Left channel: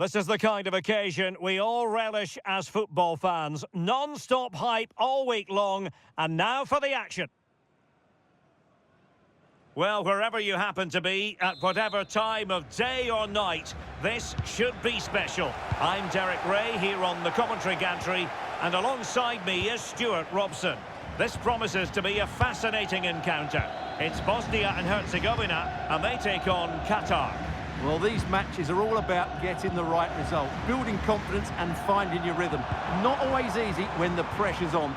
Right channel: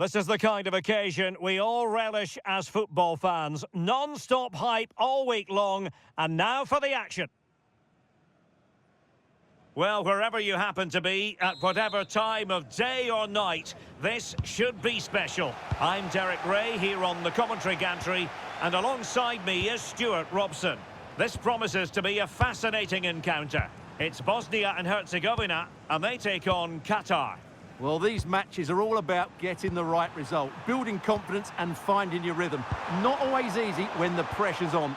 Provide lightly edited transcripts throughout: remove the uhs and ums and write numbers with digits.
This is the kind of occasion we all relish as football fans. Non-stop hype all week long, and now for the action. Well, wherever you happen to be, at whatever time of day or night, this should be special. I'm Derek Ray here on the commentary gantry, and alongside me is Stuart Robson. This promises to be a fascinating encounter. It's Bosnia and Herzegovina, and they take on Qatar. Well, these matches are all about getting the right result, building confidence and finding your rhythm. Not always easy when the pressure's on.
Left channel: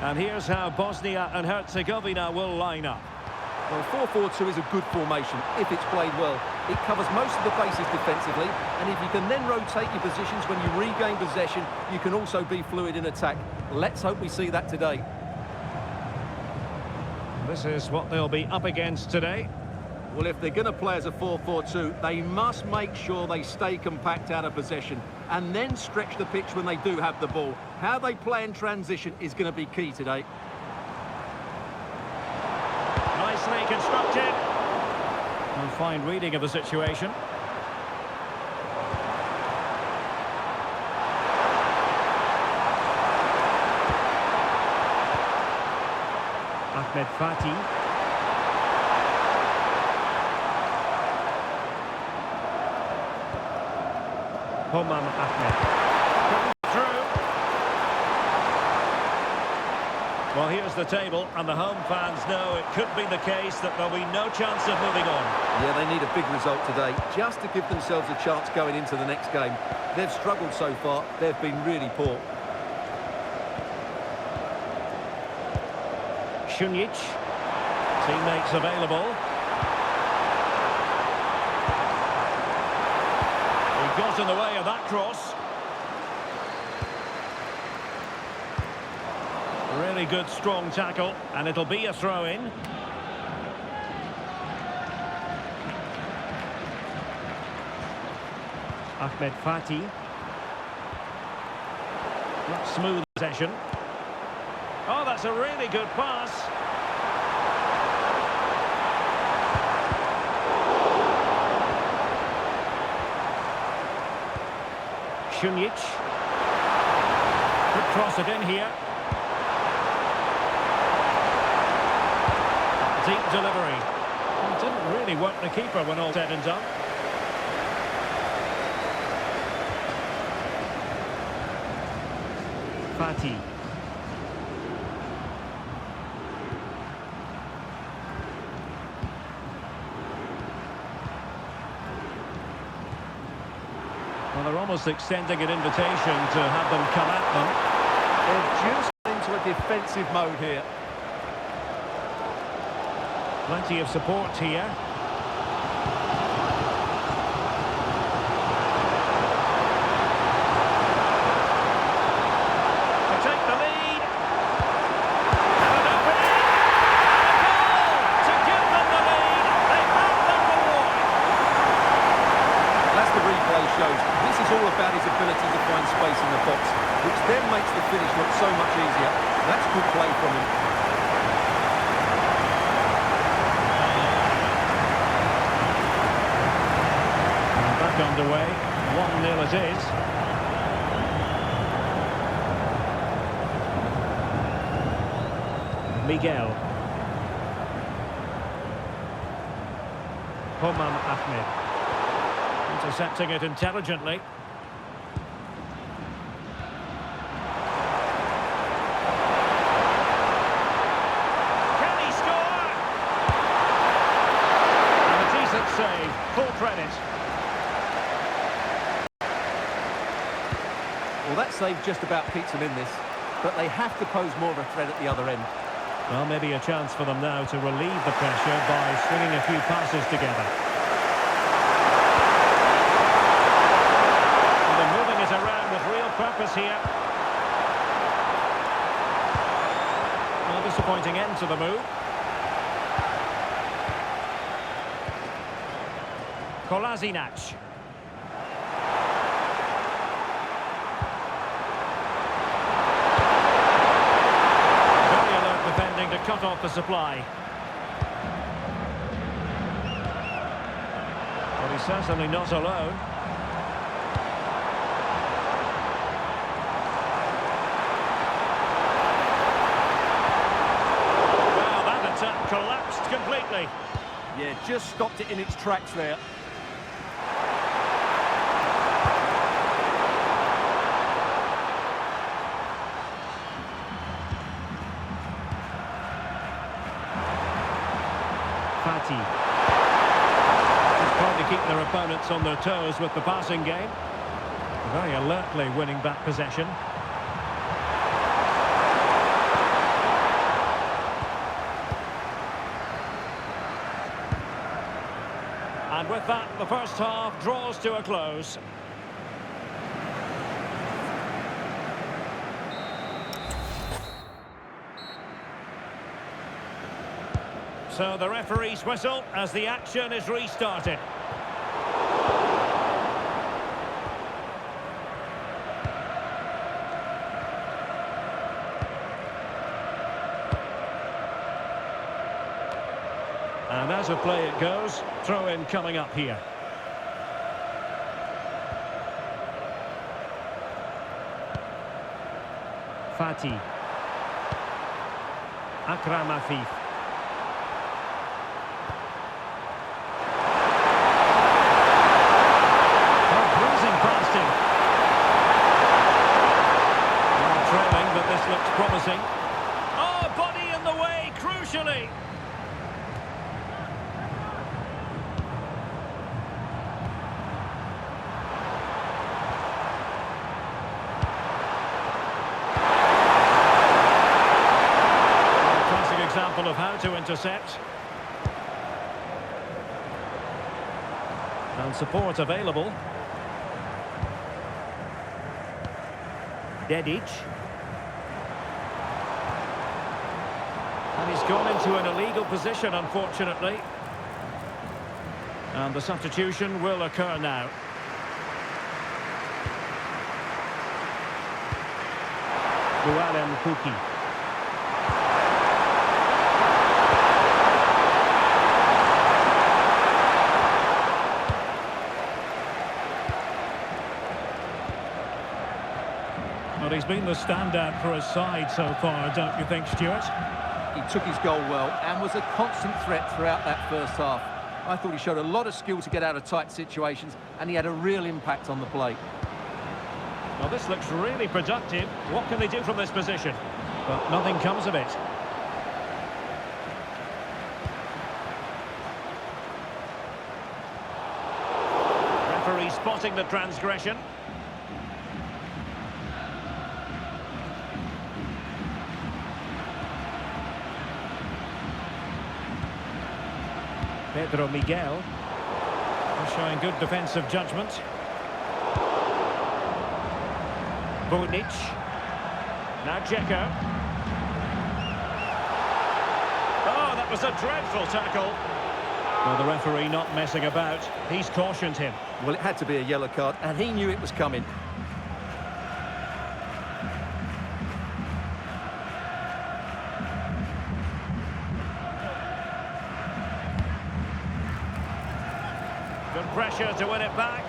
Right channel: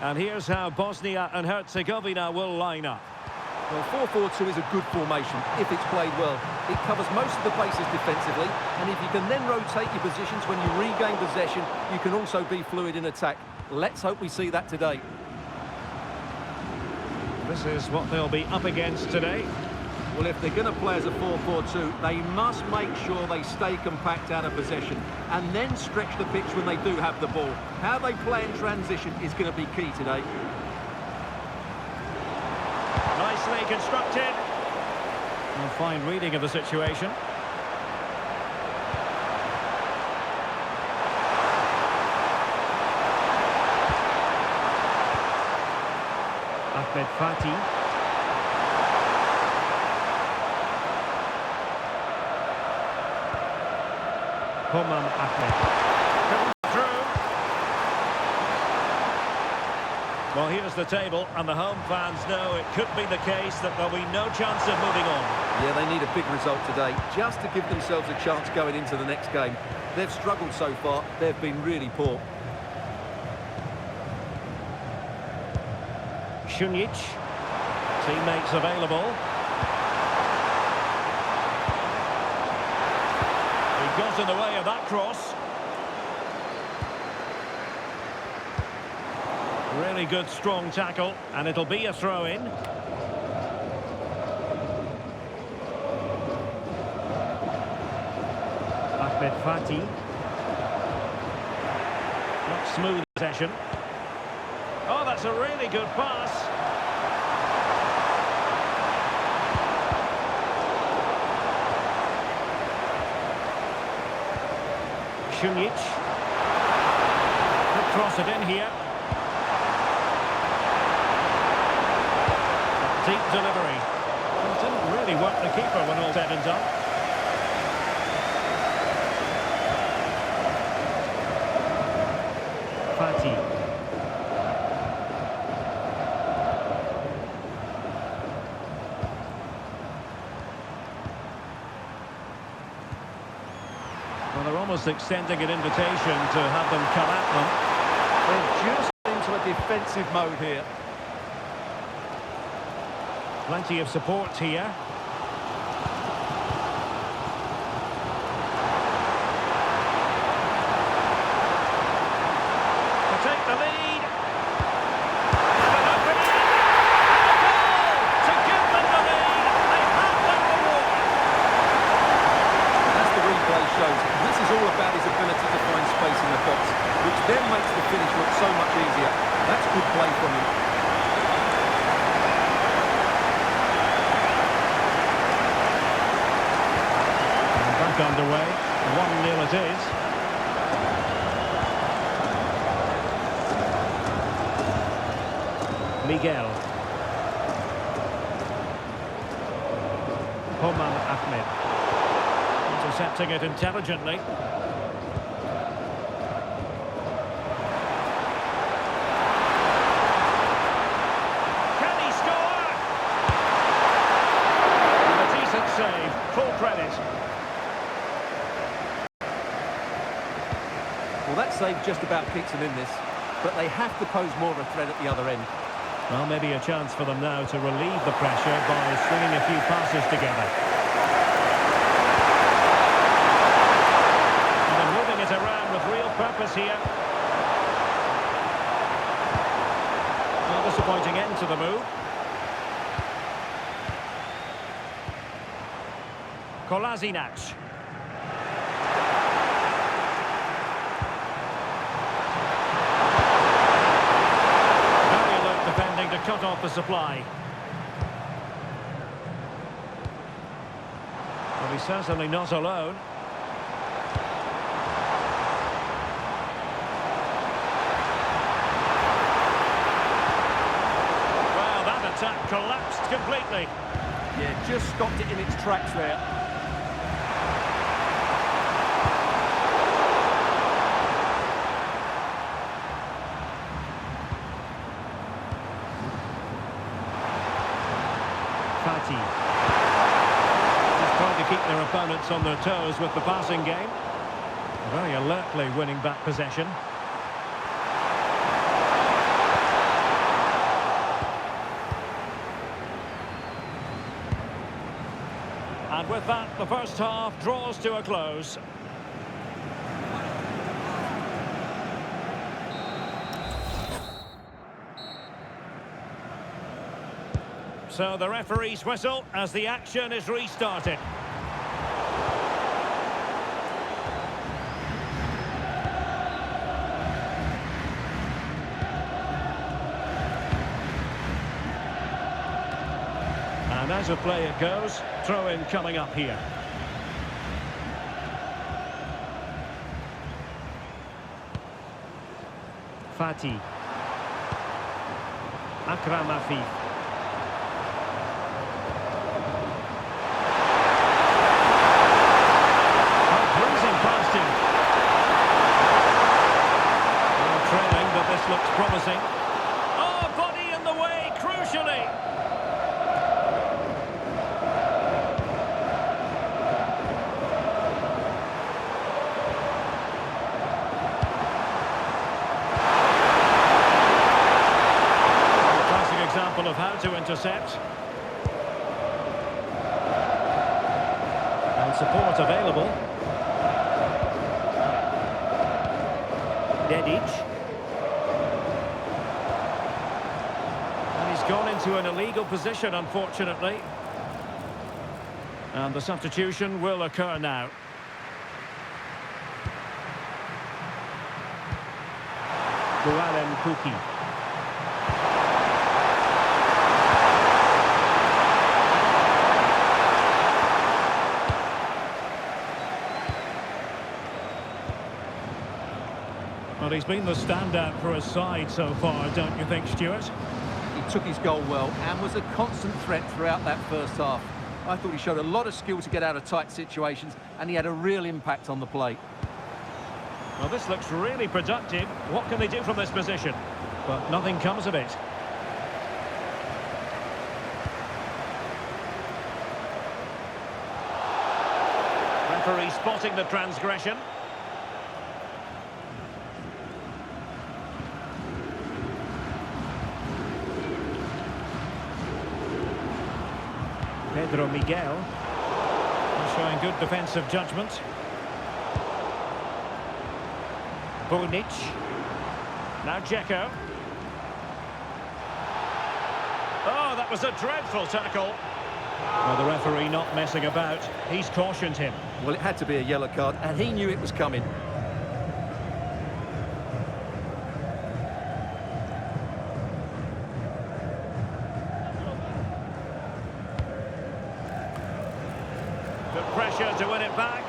And here's how Bosnia and Herzegovina will line up. Well, 4-4-2 is a good formation if it's played well. It covers most of the bases defensively, and if you can then rotate your positions when you regain possession, you can also be fluid in attack. Let's hope we see that today. This is what they'll be up against today. Well, if they're going to play as a 4-4-2, they must make sure they stay compact out of possession and then stretch the pitch when they do have the ball. How they play in transition is going to be key today. Nicely constructed. A fine reading of the situation. Ahmed Fatih. Ahmed. Through. Well, here's the table, and the home fans know it could be the case that there'll be no chance of moving on. Yeah, they need a big result today, just to give themselves a chance going into the next game. They've struggled so far, they've been really poor. Šunjić, teammates available. He got in the way of that cross. Really good, strong tackle, and it'll be a throw-in. Ahmed Fatih. Not smooth possession. Oh, that's a really good pass. Šunjić. Could cross it in here. Deep delivery. Well, it didn't really work the keeper when all said and done. Fatih. Well, they're almost extending an invitation to have them come at them. They're just into a defensive mode here. Plenty of support here. To take the lead. And an opening. And a goal to give them the lead. They have their reward. As the replay shows, this is all about his ability to find space in the box, which then makes the finish look so much easier. That's good play from him. Back underway, 1-0 it is. Miguel. Ahmed. Intercepting it intelligently. Can he score? And a decent save, full credit. Well, that save just about keeps them in this, but they have to pose more of a threat at the other end. Well, maybe a chance for them now to relieve the pressure by stringing a few passes together. And they're moving it around with real purpose here. Well, disappointing end to the move. Kolasinac. Defending to cut off the supply. But he's certainly not alone. Well, that attack collapsed completely. Yeah, just stopped it in its tracks there. Fati. Just trying to keep their opponents on their toes with the passing game. Very alertly winning back possession. And with that, the first half draws to a close. So the referee's whistle as the action is restarted. And as a play it goes, throw-in coming up here. Fati. Akram Afif. Past him. Well, trailing, but this looks promising. Oh, body in the way, crucially. A classic example of how to intercept. And support available. Dedic. And he's gone into an illegal position, unfortunately. And the substitution will occur now. Gualem Kuki. Well, he's been the standout for his side so far, don't you think, Stuart? He took his goal well and was a constant threat throughout that first half. I thought he showed a lot of skill to get out of tight situations, and he had a real impact on the plate. Well, this looks really productive. What can they do from this position? But nothing comes of it. Referee spotting the transgression. Pedro Miguel showing good defensive judgment. Bunic. Now Dzeko. Oh, that was a dreadful tackle. Well, the referee not messing about. He's cautioned him. Well, it had to be a yellow card, and he knew it was coming. Good pressure to win it back.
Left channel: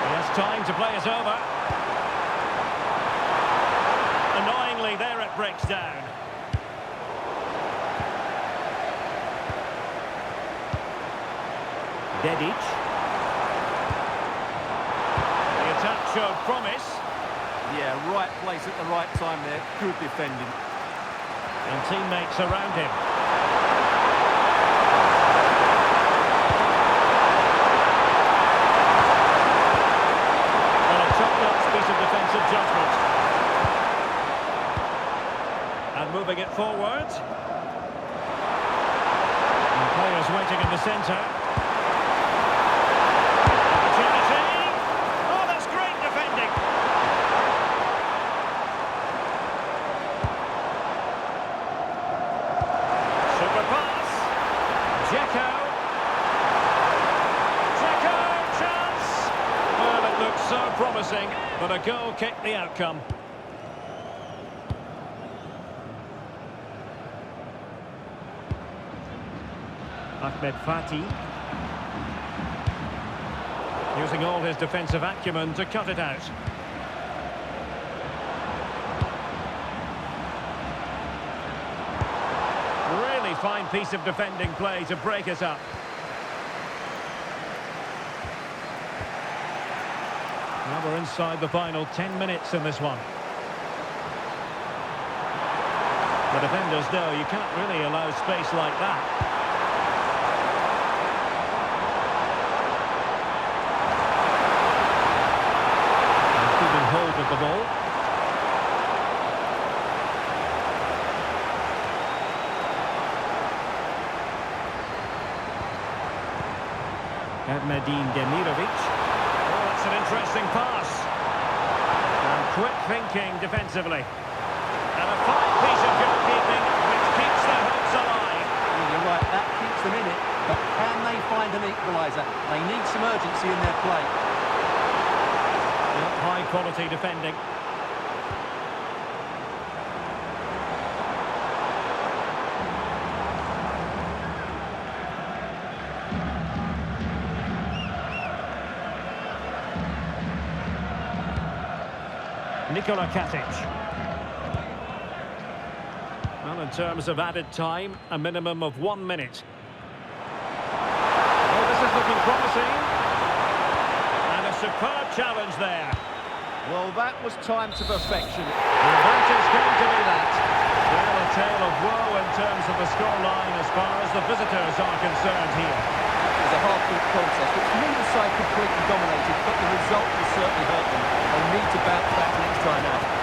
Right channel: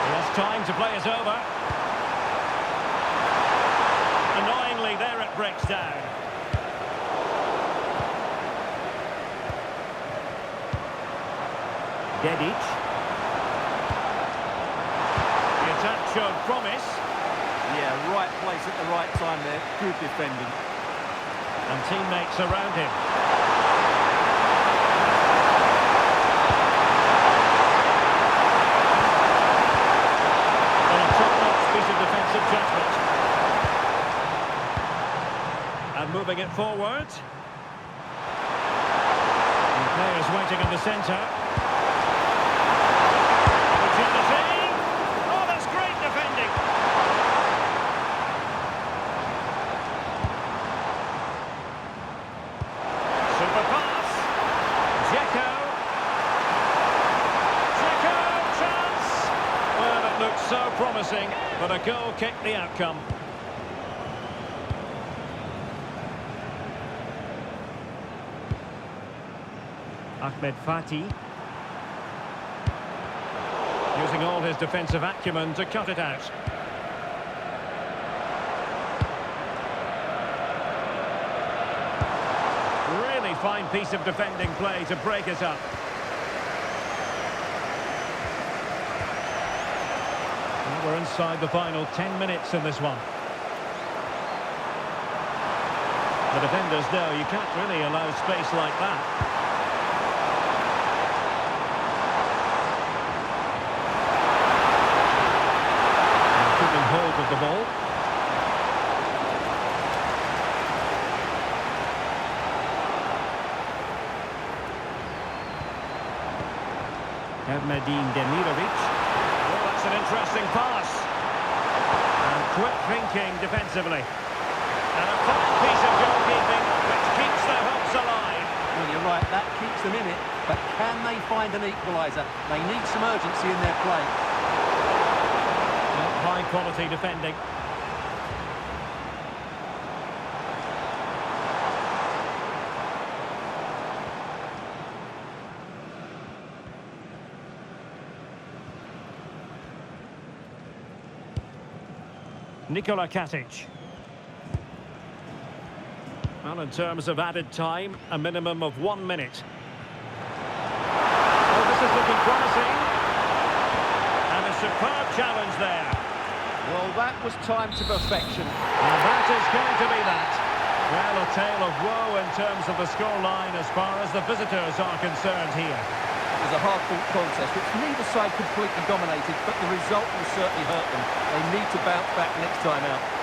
He has time to play it over. Annoyingly, there it breaks down. Dedic. The attack showed promise. Yeah, right place at the right time there. Good defending. And teammates around him. Well, a top-notch piece of defensive judgment. And moving it forward. And players waiting in the centre. Opportunity. Oh, that's great defending. Super pass. Dzeko. Dzeko, chance. Well, it looked so promising, but a goal kicked the outcome. Ahmed Fati. Using all his defensive acumen to cut it out. Really fine piece of defending play to break it up. Now we're inside the final 10 minutes in this one. The defenders know you can't really allow space like that. And keeping hold of the ball. Medin Demirovic. Oh, that's an interesting pass. And quick thinking defensively. And a fine piece of goalkeeping which keeps their hopes alive. Well, you're right, that keeps them in it. But can they find an equaliser? They need some urgency in their play. Well, high quality defending. Nikola Katic. Well, in terms of added time, a minimum of 1 minute. Oh, this is looking promising. And a superb challenge there. Well, that was time to perfection. And that is going to be that. Well, a tale of woe in terms of the scoreline as far as the visitors are concerned here. It was a hard-fought contest, which neither side completely dominated, but the result will certainly hurt them. They need to bounce back next time out.